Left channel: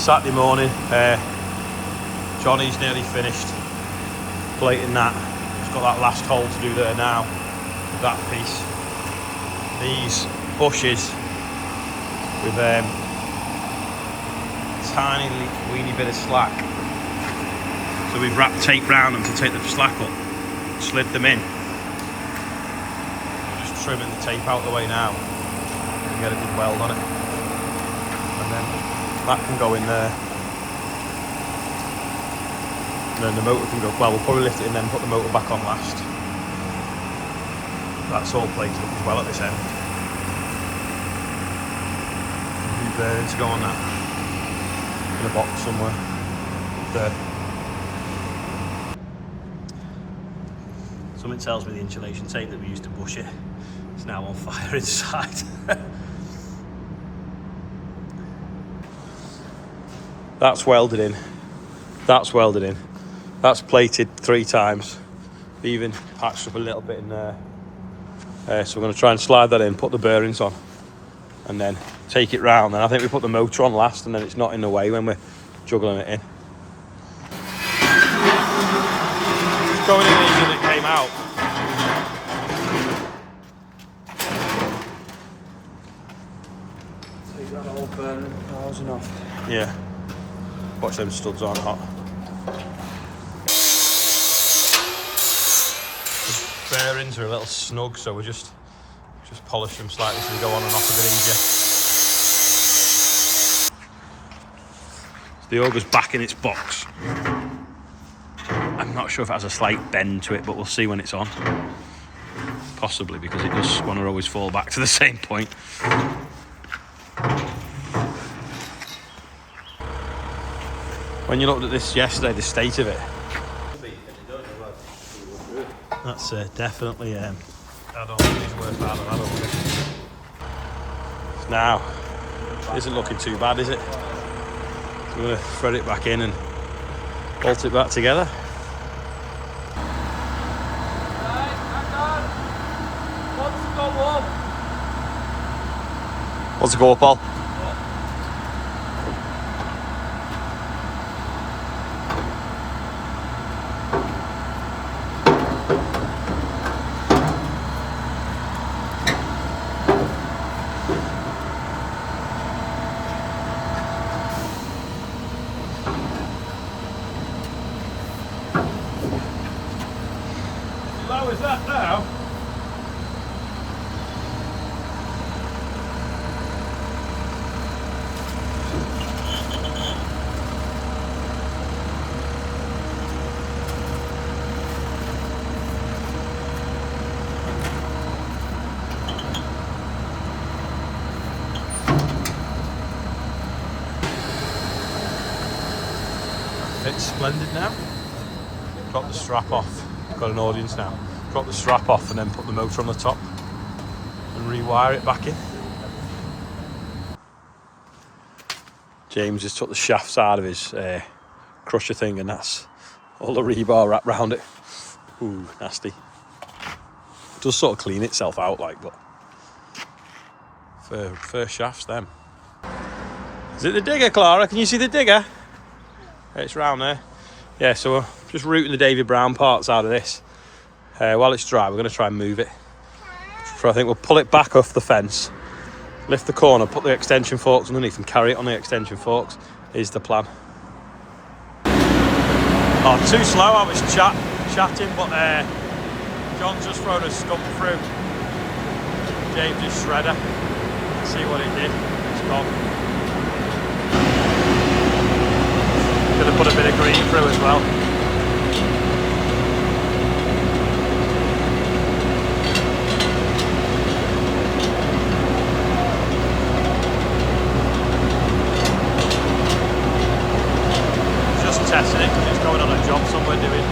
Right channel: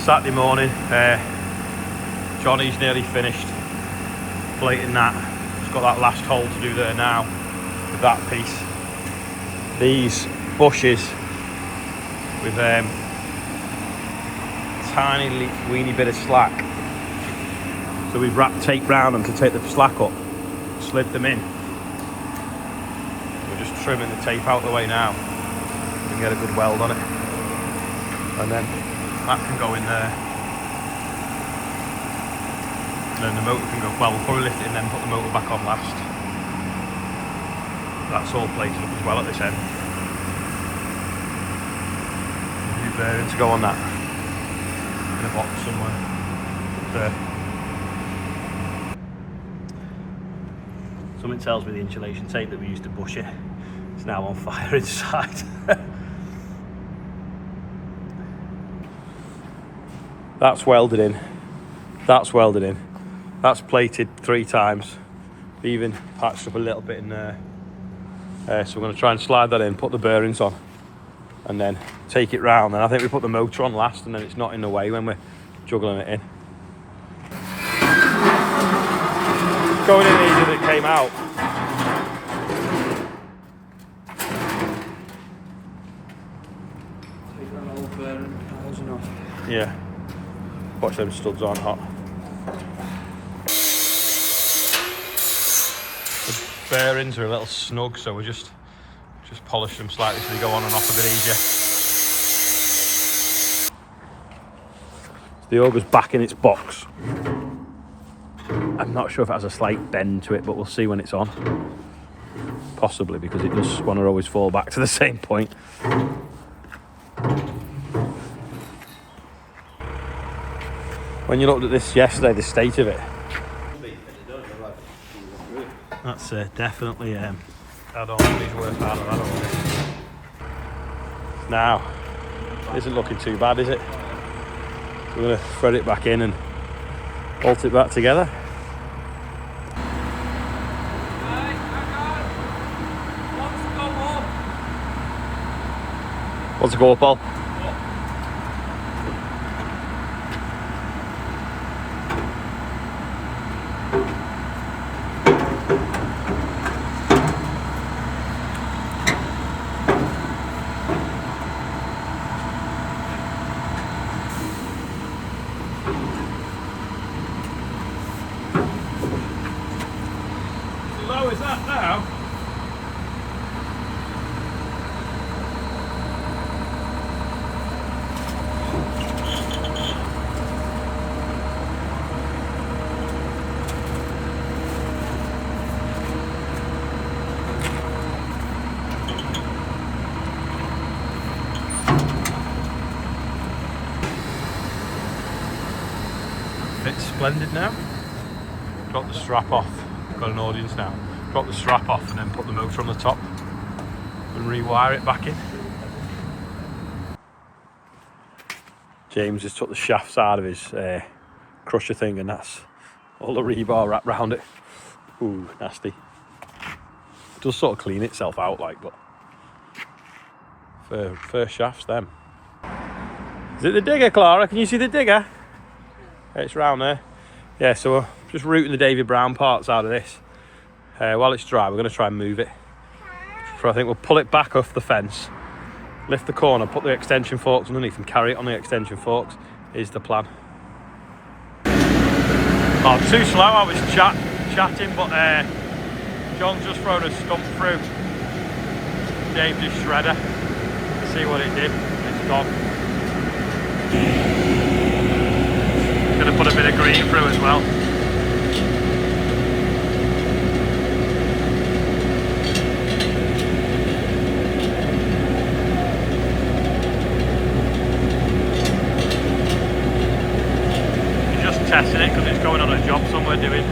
Saturday morning. Johnny's nearly finished plating that. He's got that last hole to do there now with that piece. These bushes with tiny weeny bit of slack. So we've wrapped tape round them to take the slack up, slid them in. We're just trimming the tape out the way now and get a good weld on it. And then that can go in there. And then the motor can go, well, we'll probably lift it and then put the motor back on last. That's all plated up as well at this end. New bearing to go on that in a box somewhere there. Something tells me the insulation tape that we used to bush it is now on fire inside. That's welded in. That's welded in. That's plated 3 times. We even patched up a little bit in there. So we're going to try and slide that in, put the bearings on, and then take it round. And I think we put the motor on last, and then it's not in the way when we're juggling it in. It's going in easier than it came out. Yeah. Watch those studs aren't hot. The bearings are a little snug, so we just polish them slightly so they go on and off a bit easier. The auger's back in its box. I'm not sure if it has a slight bend to it, but we'll see when it's on. Possibly, because it does want to always fall back to the same point. When you looked at this yesterday, the state of it, that's definitely, I don't think it's worth that. I don't think. Now, it isn't looking too bad, is it? So we're going to thread it back in and bolt it back together. What's the go up, Paul? How low is that now? Fits splendid now. Drop the strap off. Got an audience now. Drop the strap off and then put the motor on the top and rewire it back in. James just took the shafts out of his crusher thing, and that's all the rebar wrapped round it. Ooh, nasty. It does sort of clean itself out, like, but first shafts them. Is it the digger, Clara? Can you see the digger? It's round there. Yeah, so we're just routing the David Brown parts out of this. While it's dry, we're going to try and move it. So I think we'll pull it back off the fence, lift the corner, put the extension forks underneath and carry it on the extension forks is the plan. Oh, too slow, I was chatting, but John's just thrown a stump through James's shredder. Let's see what it did. It's gone. Gonna put a bit of green through as well. Just testing it because it's going on a job somewhere doing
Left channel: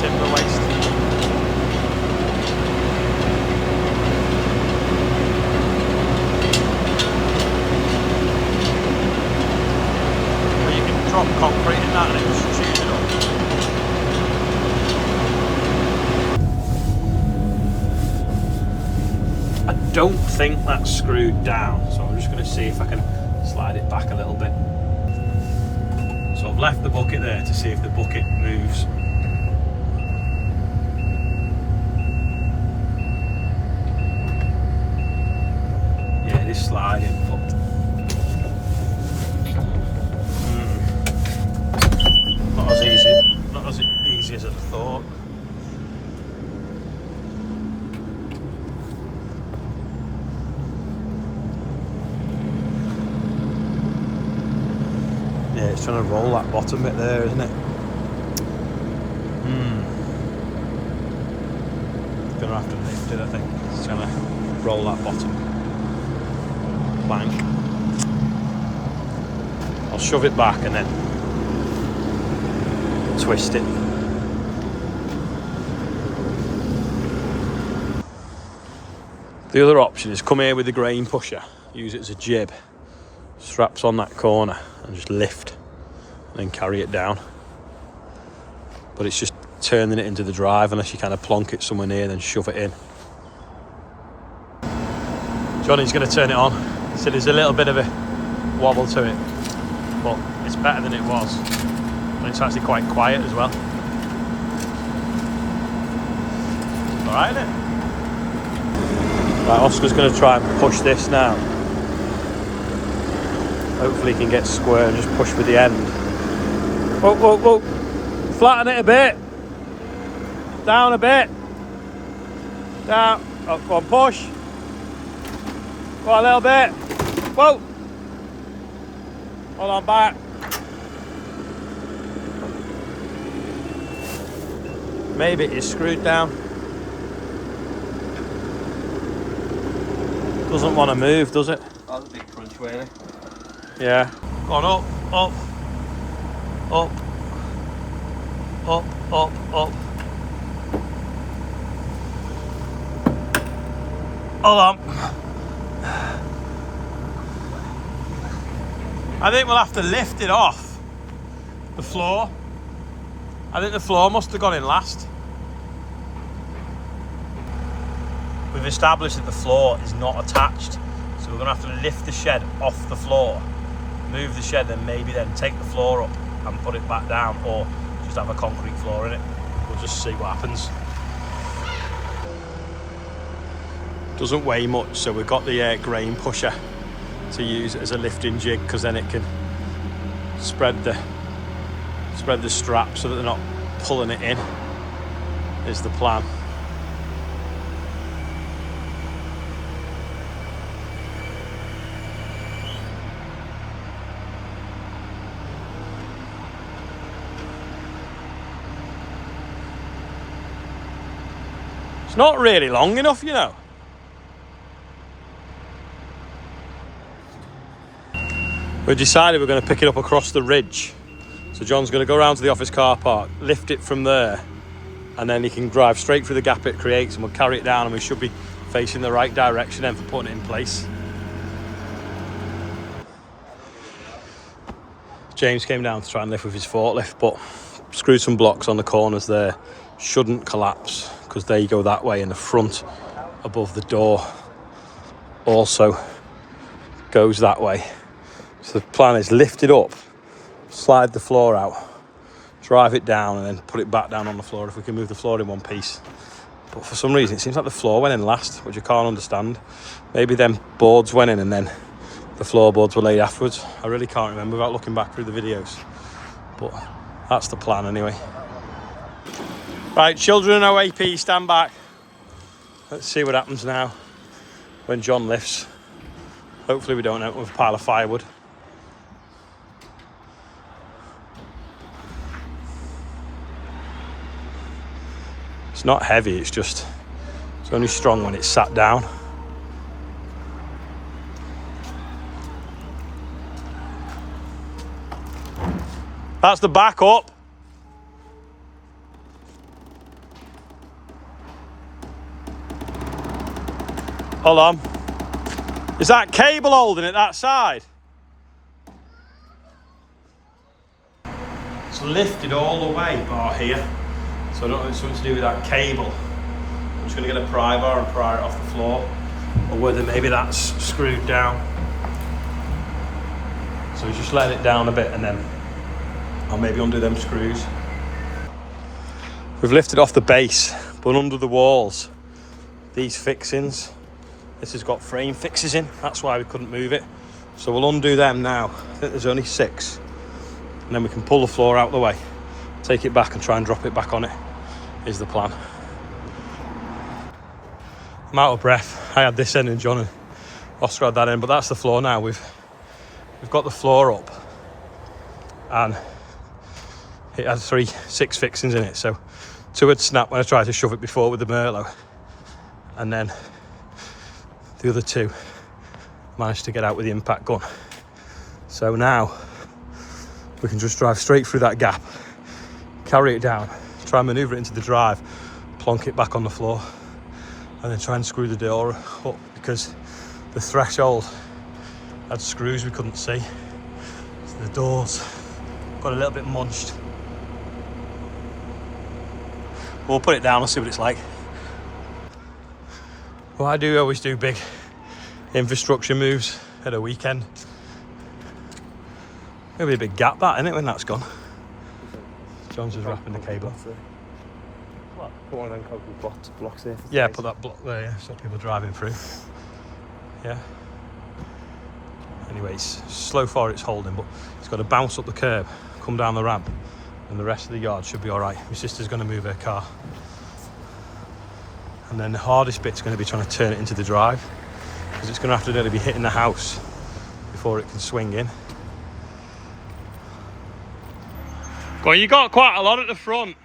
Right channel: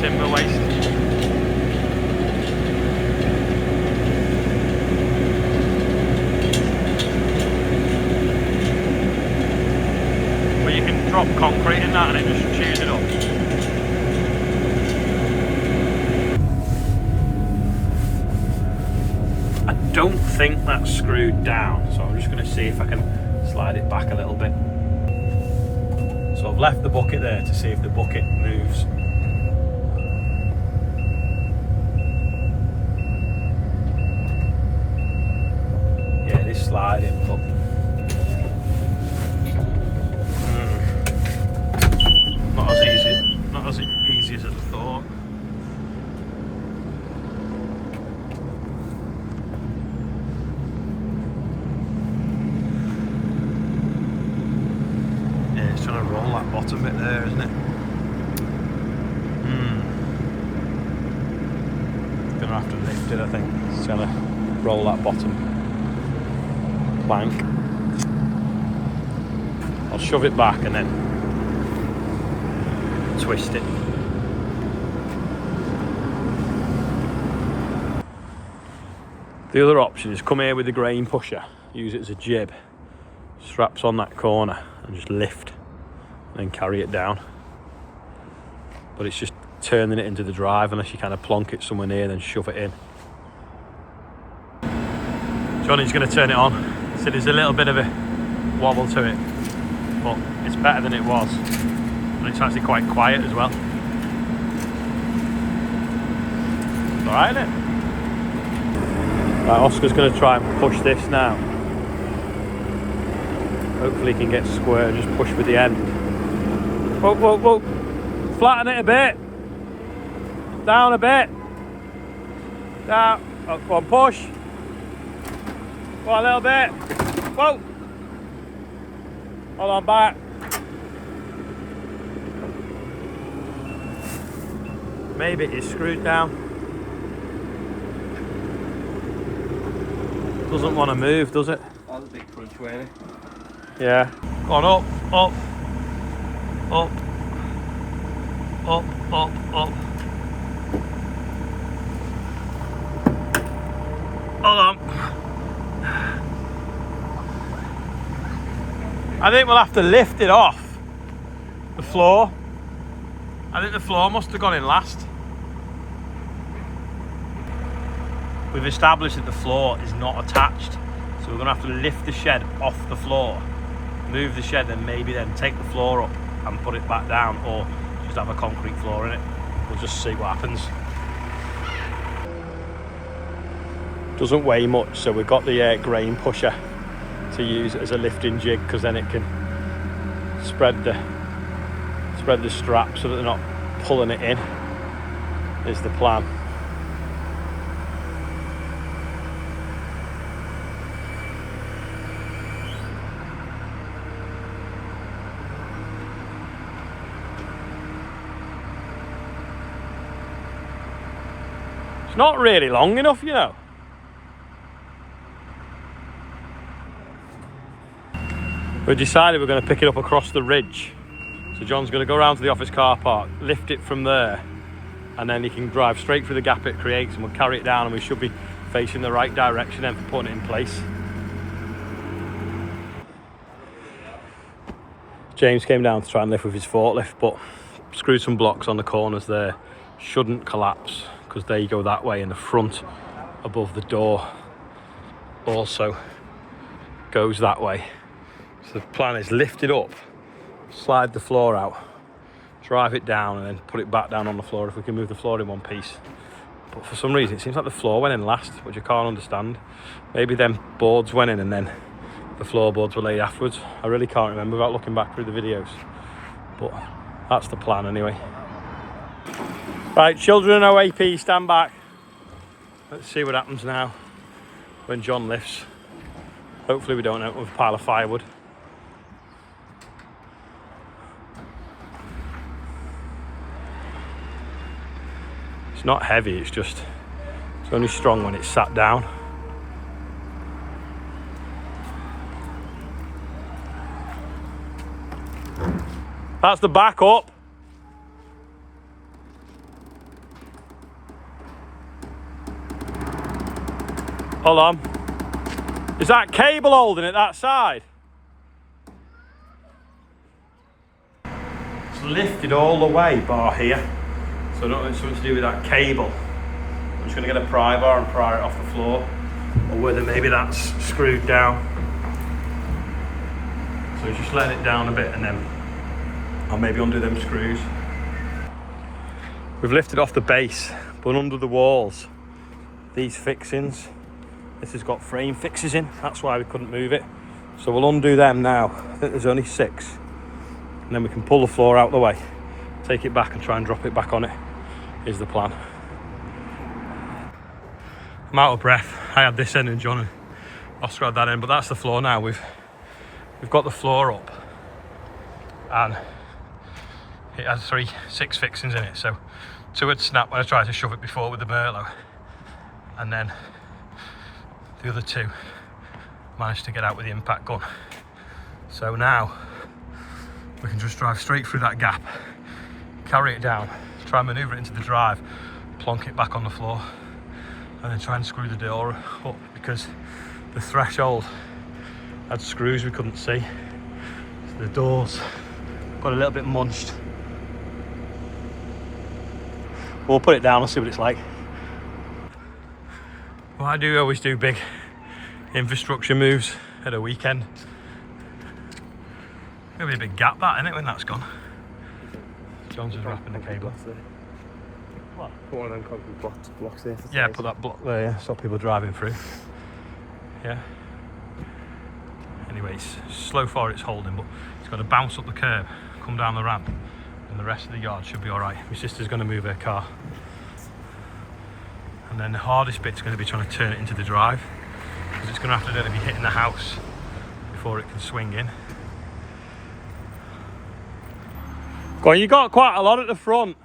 timber waste. Drop concrete in that and it just chews it up. I don't think that's screwed down, so I'm just going to see if I can slide it back a little bit. So I've left the bucket there to see if the bucket moves. Yeah, it is sliding, but not as easy as I thought. Yeah, it's trying to roll that bottom bit there, isn't it? Gonna have to lift it, I think. It's trying to roll that bottom plank. I'll shove it back and then twist it. The other option is come here with the grain pusher, use it as a jib, straps on that corner and just lift and then carry it down. But it's just turning it into the drive unless you kind of plonk it somewhere near and then shove it in. Johnny's going to turn it on. So there's a little bit of a wobble to it, but it's better than it was. And it's actually quite quiet as well. Right, isn't it? Right, Oscar's going to try and push this now. Hopefully he can get square and just push with the end. Whoa, whoa, whoa. Flatten it a bit. Down a bit. Down. Oh, go on, push. Go on, a little bit. Whoa. Hold on, back. Maybe it is screwed down. Doesn't want to move, does it? That was a big crunch, really. Yeah. Go on, up, up, up, up, up, up. Hold on. I think we'll have to lift it off the floor. I think the floor must have gone in last. We've established that the floor is not attached, so we're going to have to lift the shed off the floor, move the shed, and maybe then take the floor up and put it back down, or just have a concrete floor in it. We'll just see what happens. Doesn't weigh much, so we've got the grain pusher to use it as a lifting jig, because then it can spread the strap so that they're not pulling it in, is the plan. It's not really long enough, you know. We decided we're going to pick it up across the ridge. So John's going to go around to the office car park, lift it from there, and then he can drive straight through the gap it creates, and we'll carry it down, and we should be facing the right direction then for putting it in place. James came down to try and lift with his forklift, but screwed some blocks on the corners there. Shouldn't collapse because they go that way, and the front above the door also goes that way. So the plan is lift it up, slide the floor out, drive it down, and then put it back down on the floor if we can move the floor in one piece. But for some reason it seems like the floor went in last, which I can't understand. Maybe them boards went in and then the floorboards were laid afterwards. I really can't remember without looking back through the videos, but that's the plan anyway. Right, children and OAP, stand back. Let's see what happens now when John lifts. Hopefully we don't end up with a pile of firewood. It's not heavy, it's only strong when it's sat down. That's the back up. Hold on. Is that cable holding it that side? It's lifted all the way, bar here. So I don't know if it's something to do with that cable. I'm just going to get a pry bar and pry it off the floor, or whether maybe that's screwed down. So just let it down a bit and then I'll maybe undo them screws. We've lifted off the base, but under the walls, these fixings, this has got frame fixes in, that's why we couldn't move it. So we'll undo them now. I think there's only 6. And then we can pull the floor out the way, take it back and try and drop it back on it, is the plan. I'm out of breath. I had this end and John and Oscar had that end, but that's the floor now. We've got the floor up and it has 6 fixings in it. So 2 had snapped when I tried to shove it before with the Merlot, and then the other 2 managed to get out with the impact gun. So now we can just drive straight through that gap, carry it down, try and manoeuvre it into the drive, plonk it back on the floor, and then try and screw the door up, because the threshold had screws we couldn't see. So the doors got a little bit munched. We'll put it down and see what it's like. Well, I do always do big infrastructure moves at a weekend. It'll be a big gap, that, isn't it, when that's gone? John's wrapping the cable. What? Put one of them concrete blocks there. Yeah, put that block there, yeah, stop people driving through. Yeah. Anyways, slow far it's holding, but it's got to bounce up the curb, come down the ramp, and the rest of the yard should be all right. My sister's going to move her car. And then the hardest bit's going to be trying to turn it into the drive, because it's going to have to nearly be hitting the house before it can swing in. Go on, you got quite a lot at the front.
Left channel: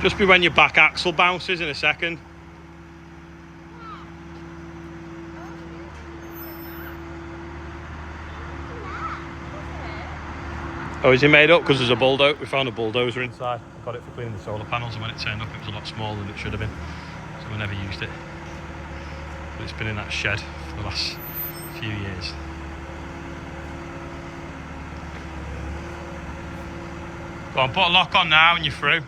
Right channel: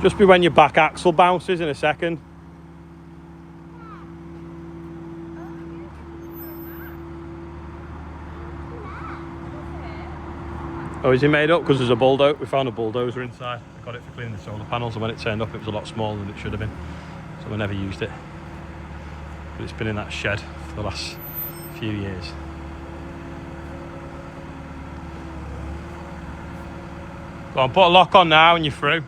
Just be when your back axle bounces in a second. Oh, is he made up? Because there's a bulldozer. We found a bulldozer inside. I got it for cleaning the solar panels, and when it turned up, it was a lot smaller than it should have been. So we never used it. But it's been in that shed for the last few years. Go on, put a lock on now and you're through.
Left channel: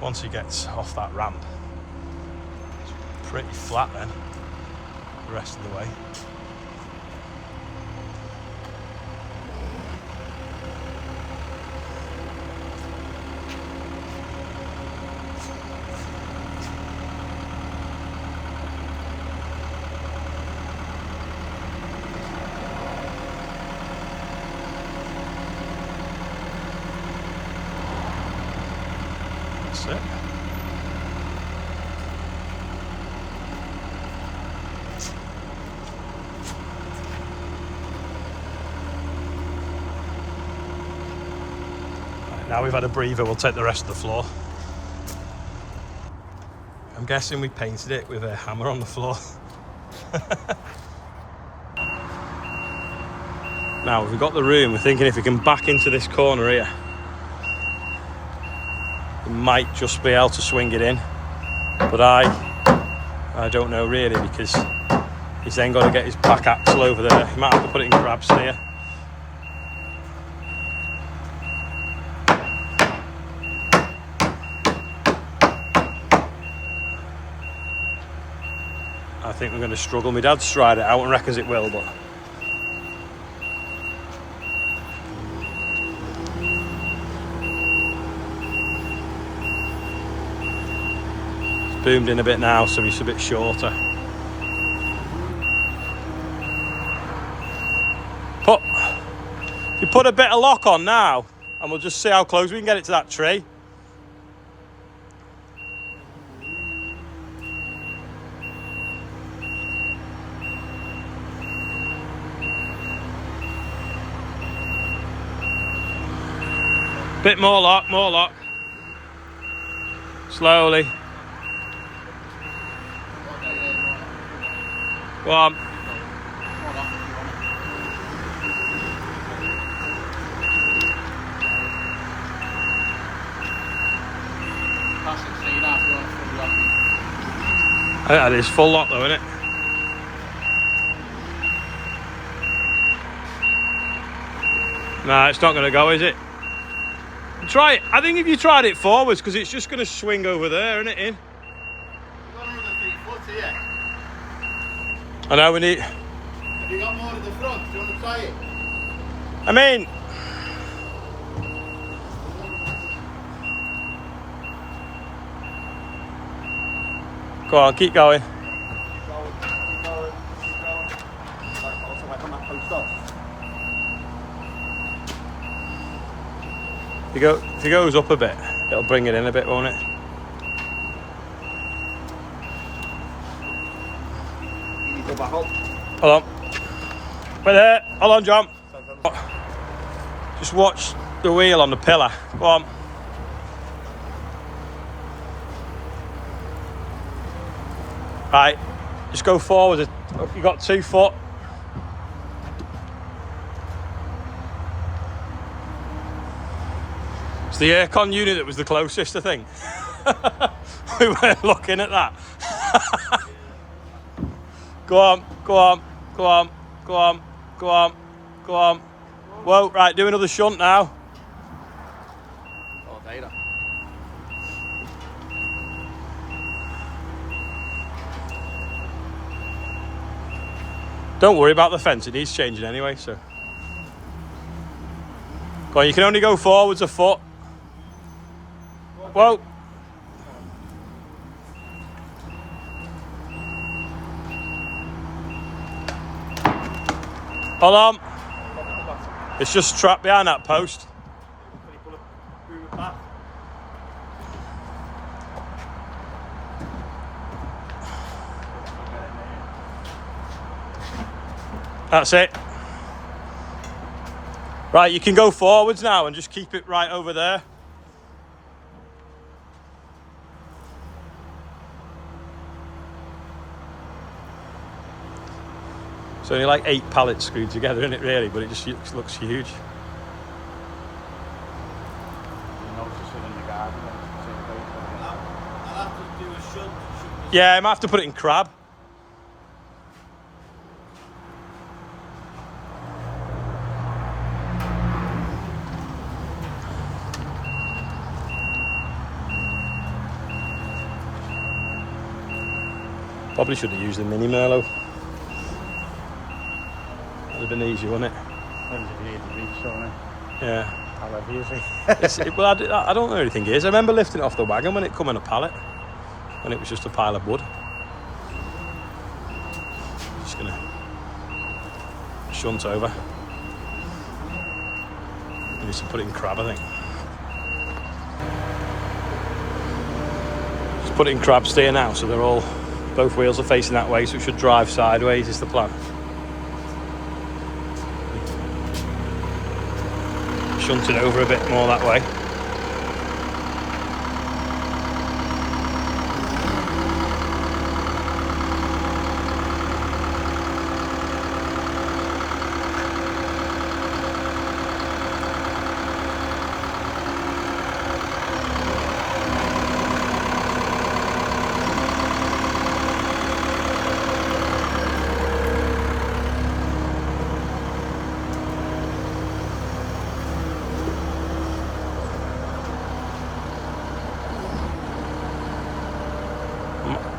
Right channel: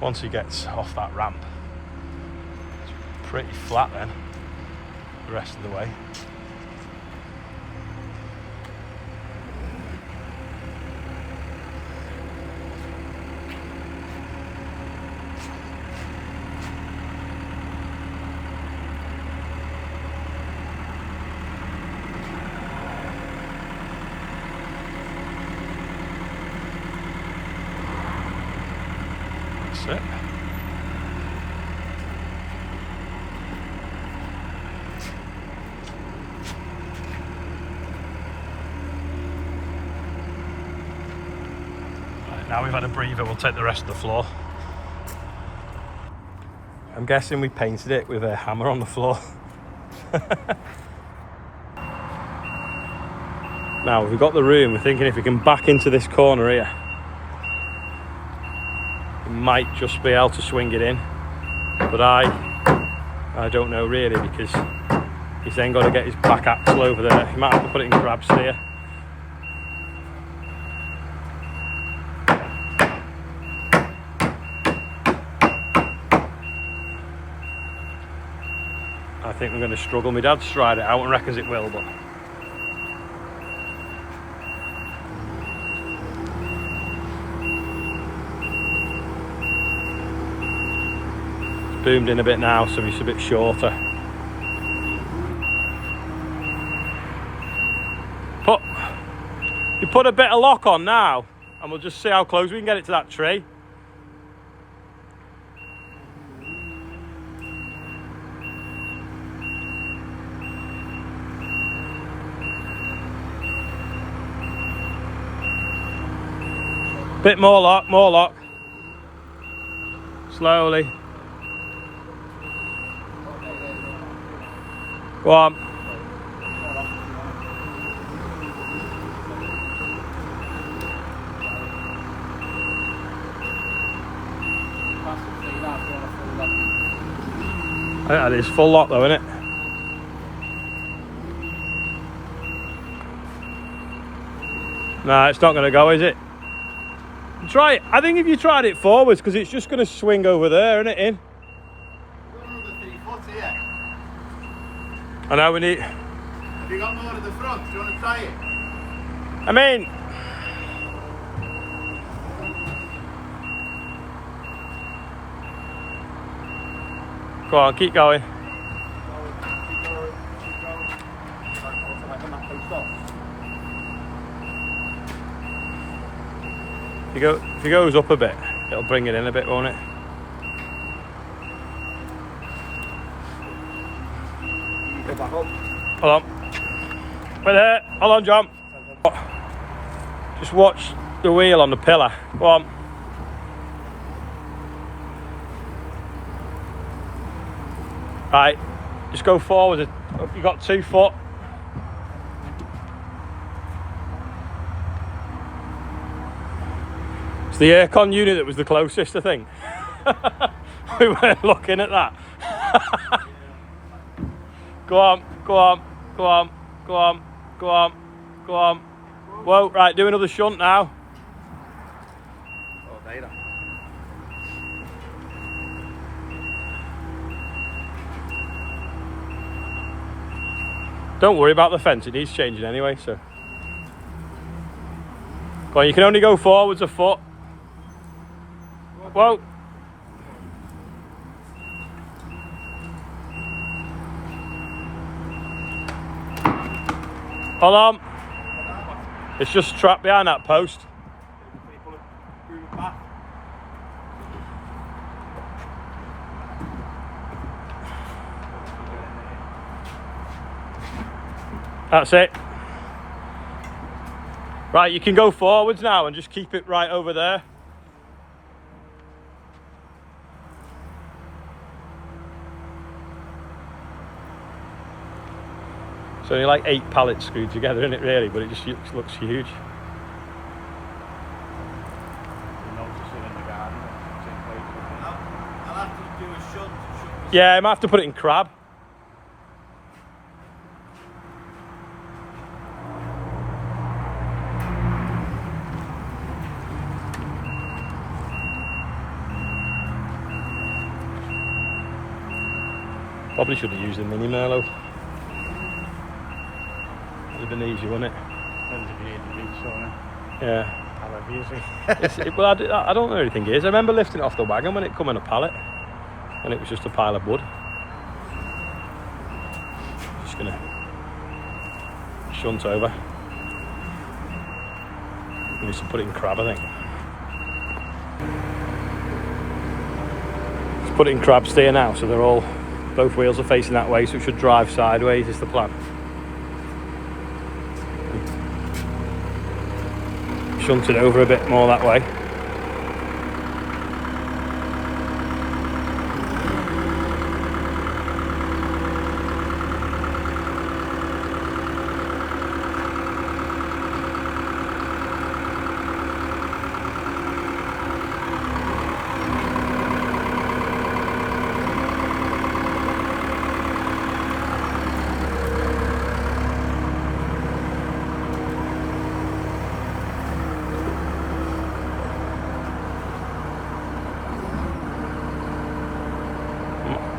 Once he gets off that ramp, pretty flat then, the rest of the way. That's it. Right, now we've had a breather, we'll take the rest of the floor. I'm guessing we painted it with a hammer on the floor. Now we've got the room, we're thinking if we can back into this corner here, might just be able to swing it in, but I don't know really, because he's then got to get his back axle over there. He might have to put it in crab steer. I think we're going to struggle. My dad's tried it out and reckons it will, but boomed in a bit now, so it's a bit shorter. You put a bit of lock on now, and we'll just see how close we can get it to that tree. Bit more lock, more lock. Slowly. Go on. I think that is full lock though, isn't it? Nah, it's not going to go, is it? Try it. I think if you tried it forwards, because it's just going to swing over there, isn't it, in? You've got another 3 foot here. I know we need... Have you got more at the front? Do you want to try it? I mean... Go on, keep going. If it goes up a bit, it'll bring it in a bit, won't it? Hold on. Wait there. Hold on, John. Just watch the wheel on the pillar. Go on. Right. Just go forward. You got 2 foot. It's the aircon unit that was the closest, I think. We weren't looking at that. Go on, go on, go on, go on, go on, go on. Whoa, right, do another shunt now. Don't worry about the fence, it needs changing anyway, so. Go on, you can only go forwards a foot. Whoa. Hold on. It's just trapped behind that post. That's it. Right, you can go forwards now and just keep it right over there. It's only like 8 pallets screwed together, isn't it, really? But it just looks huge. I'll have to do a shunt. Yeah, I might have to put it in crab. Probably should have used the mini Merlot. Would have been easy, wouldn't it? Depends if you need the reach, don't it? Yeah. I'll have easy. Well, I don't know anything is. I remember lifting it off the wagon when it come in a pallet, when it was just a pile of wood. Just gonna shunt over. I need to put it in crab, I think. Just put it in crab steer now, so they're all, both wheels are facing that way, so it should drive sideways is the plan. Shunt it over a bit more that way.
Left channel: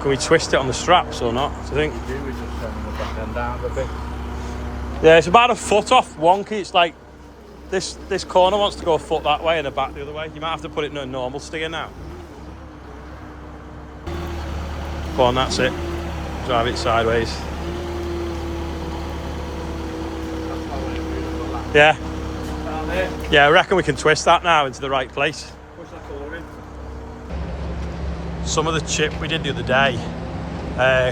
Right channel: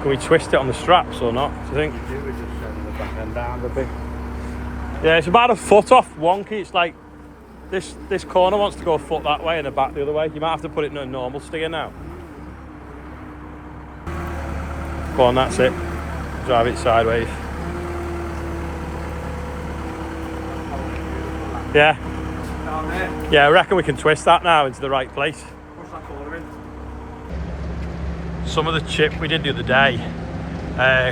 Can we twist it on the straps or not, do you think? Yeah, it's about a foot off wonky. It's like this corner wants to go a foot that way and the back the other way. You might have to put it in a normal steer now. Go on, that's it. Drive it sideways. Yeah. Down there. Yeah, I reckon we can twist that now into the right place. Push that corner in. Some of the chip we did the other day,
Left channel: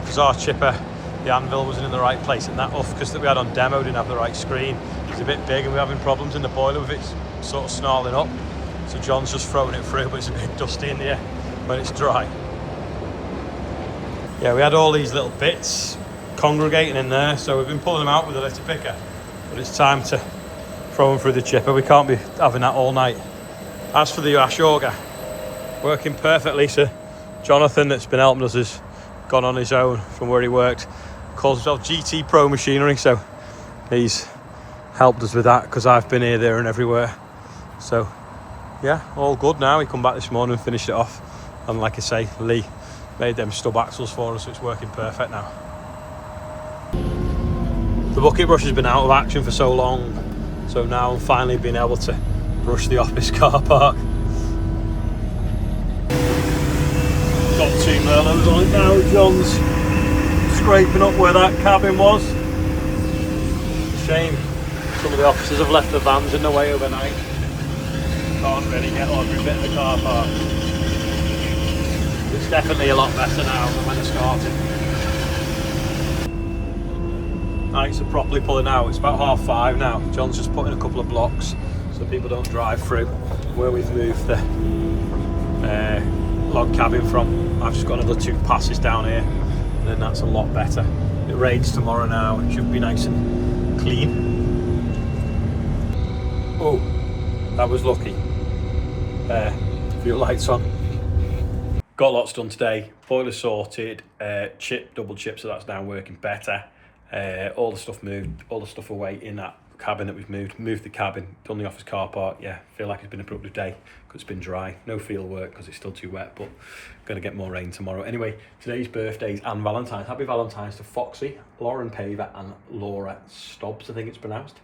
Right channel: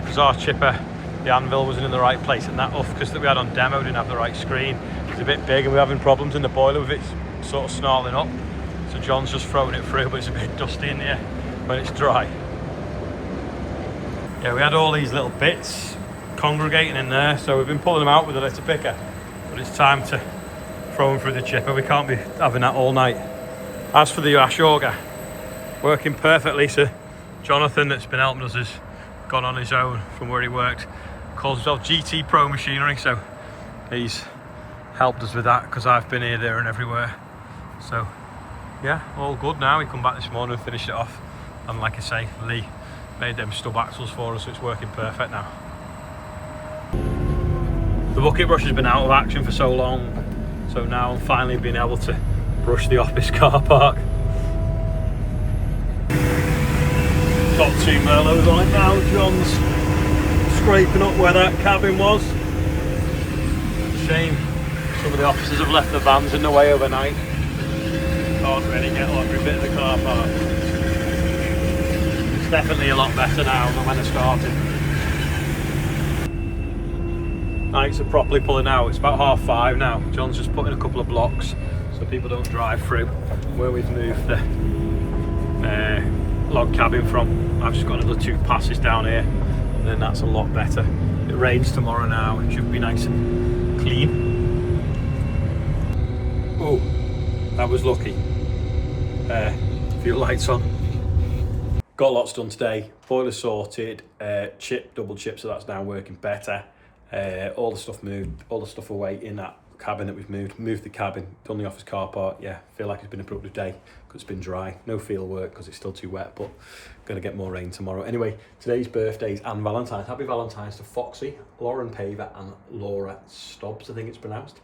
because our chipper, the anvil wasn't in the right place, and that UFCAS that we had on demo didn't have the right screen. It's a bit big and we're having problems in the boiler with it sort of snarling up. So John's just throwing it through, but it's a bit dusty in here when it's dry. Yeah, we had all these little bits congregating in there, so we've been pulling them out with a litter picker, but it's time to throw them through the chipper. We can't be having that all night. As for the Aurger, working perfectly, so Jonathan, that's been helping us, has gone on his own from where he worked. Calls himself GT Pro Machinery, so he's helped us with that because I've been here, there and everywhere. So yeah, all good now. He come back this morning and finished it off, and like I say, Lee made them stub axles for us, so it's working perfect now. The bucket brush has been out of action for so long, so now I'm finally being able to brush the office car park. Got 2 Merlots on it now. John's scraping up where that cabin was. Shame some of the officers have left the vans in the way overnight. Can't really get on every bit of the car park. It's definitely a lot better now than when I started. Nights are properly pulling out. It's about 5:30 now. John's just putting a couple of blocks so people don't drive through where we've moved the log cabin from. I've just got another 2 passes down here, and then that's a lot better. It rains tomorrow now. It should be nice and clean. Oh, that was lucky. Fuel lights on. Got lots done today. Boiler sorted, double chip, so that's now working better. All the stuff moved, all the stuff away in that cabin that we've moved the cabin, done the office car park. Yeah, feel like it's been a productive day because it's been dry. No field work because it's still too wet, but going to get more rain tomorrow. Anyway, today's birthdays and Valentine's. Happy Valentine's to Foxy, Lauren Paver and Laura Stobbs, I think it's pronounced.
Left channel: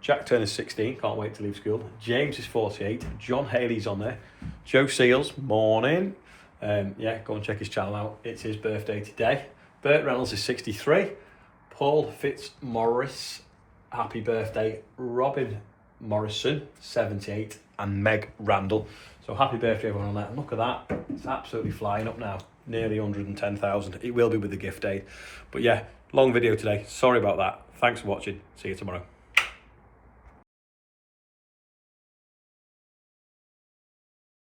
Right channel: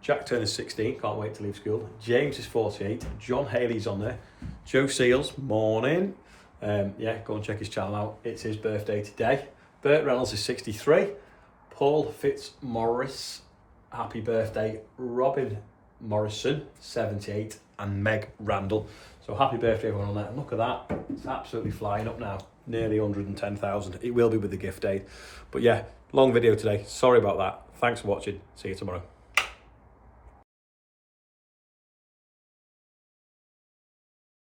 Jack Turner's 16, can't wait to leave school. James is 48, John Haley's on there. Joe Seals, morning. Yeah, go and check his channel out. It's his birthday today. Bert Reynolds is 63. Paul Fitzmaurice, happy birthday. Robin Morrison, 78. And Meg Randall. So happy birthday everyone on that. And look at that, it's absolutely flying up now. Nearly 110,000. It will be with the gift aid. But yeah, long video today. Sorry about that. Thanks for watching. See you tomorrow.